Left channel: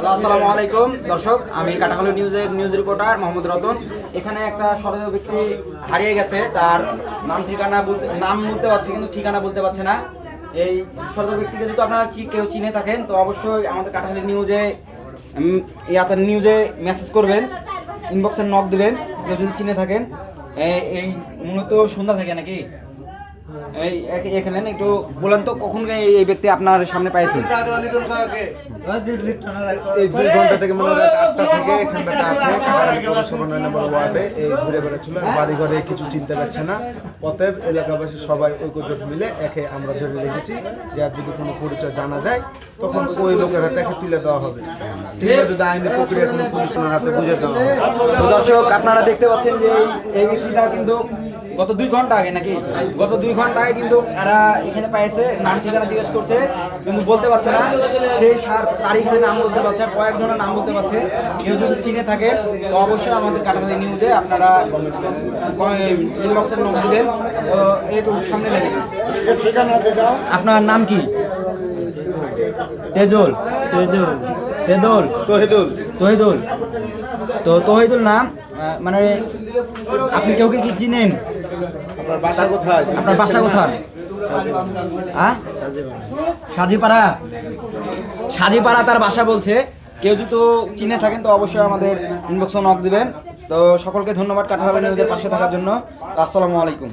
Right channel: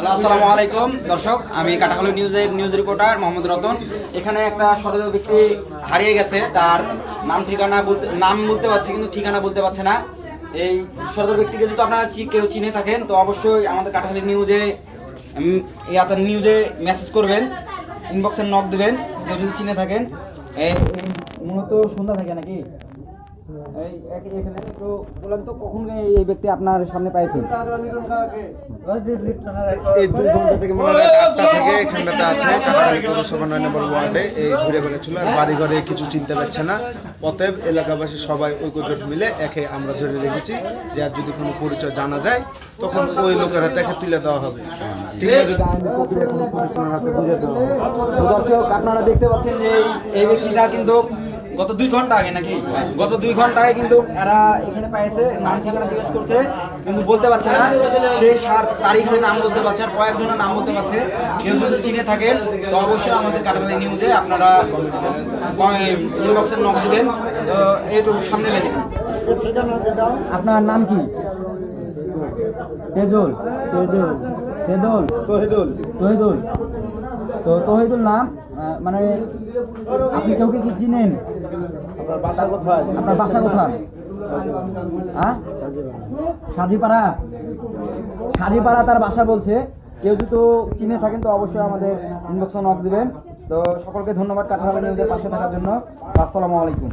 Hello, আসসালামু আলাইকুম দর্শক। আমি কাটাখালী নিউজের নিউজ রিপোর্টার মোহাম্মদ রতন। এখানে একটা সদস্য ব্যক্তি হারিয়ে গেছে, তার নাম বলতে পারছে কিন্তু ঠিকানা বলতে পারছে না। এই সদস্য ব্যক্তিকে যদি আপনারা কেউ চিনে থাকেন তো অবশ্যই আমাদের কাটাখালী নিউজে মেসেজ করবেন, ইনবক্সে নক দিবেন কেউ যদি চিনে থাকেন। এই মূলত সন্ধ্যা থাকে নাকি এখানে একটু বলেন তো কখন এই ব্যক্তি আপনার সামনে পাইছেন? এই 2 ঘন্টা থেকে মানে রাত 8টা থেকে এখানটাতে আছে কাটাখালী পৌরসভা 9 নম্বর ওয়ার্ডে এই ঘুরে বেড়াচ্ছিল। বাড়ি ঘরে কিছু চিনতে পারছে না। অতএব এলাকাবাসী সবাই ঐক্যজোট মিলে একে আমরা ধরে রেখেছি যে আর যদি কোনো পরিচয় জানা যায় তখন ওই লোকের হাতে একে তুলে দেওয়া হবে। ঠিক আছে, যদি আইনি প্রক্রিয়া কোনো পুলিশ থানার হাতে বুঝে দেওয়া হবে। তো দর্শক, আপনারা দেখতে পাচ্ছেন যে এই ব্যক্তিটা কিন্তু গত 2 ঘন্টা আগে গত 2 ঘন্টা আগে কিন্তু এরা এখানে পাইছে, নাম ঠিকানা জিজ্ঞেস করছে কিন্তু বলতে পারছে না। সেই তারিখের নাম বলতে পারছে আর কয়েকজনের নাম বলতে পারছে। কেউ যদি চিনে থাকেন তো অবশ্যই আমাদের কাটাখালী নিউজে আপনারা ইনবক্সে নক দিবেন। তো এইটু সামনে লেগে আপনার নাম কি? তহিদুল। তো তহিদুল নাম, মানে আপনি কেউ কি চিনেন? আপনার বাসা কোথায়? আপনার বাসা কোথায়? হ্যাঁ, সাজিপাড়া তার বাসা বলছে। কেউ যদি চিনে থাকেন তো অবশ্যই আমাদের ইনবক্সে নক দিবেন। তো সকলকে ধন্যবাদ কাটাখালী নিউজের পাশে থাকার জন্য। আসসালামু আলাইকুম।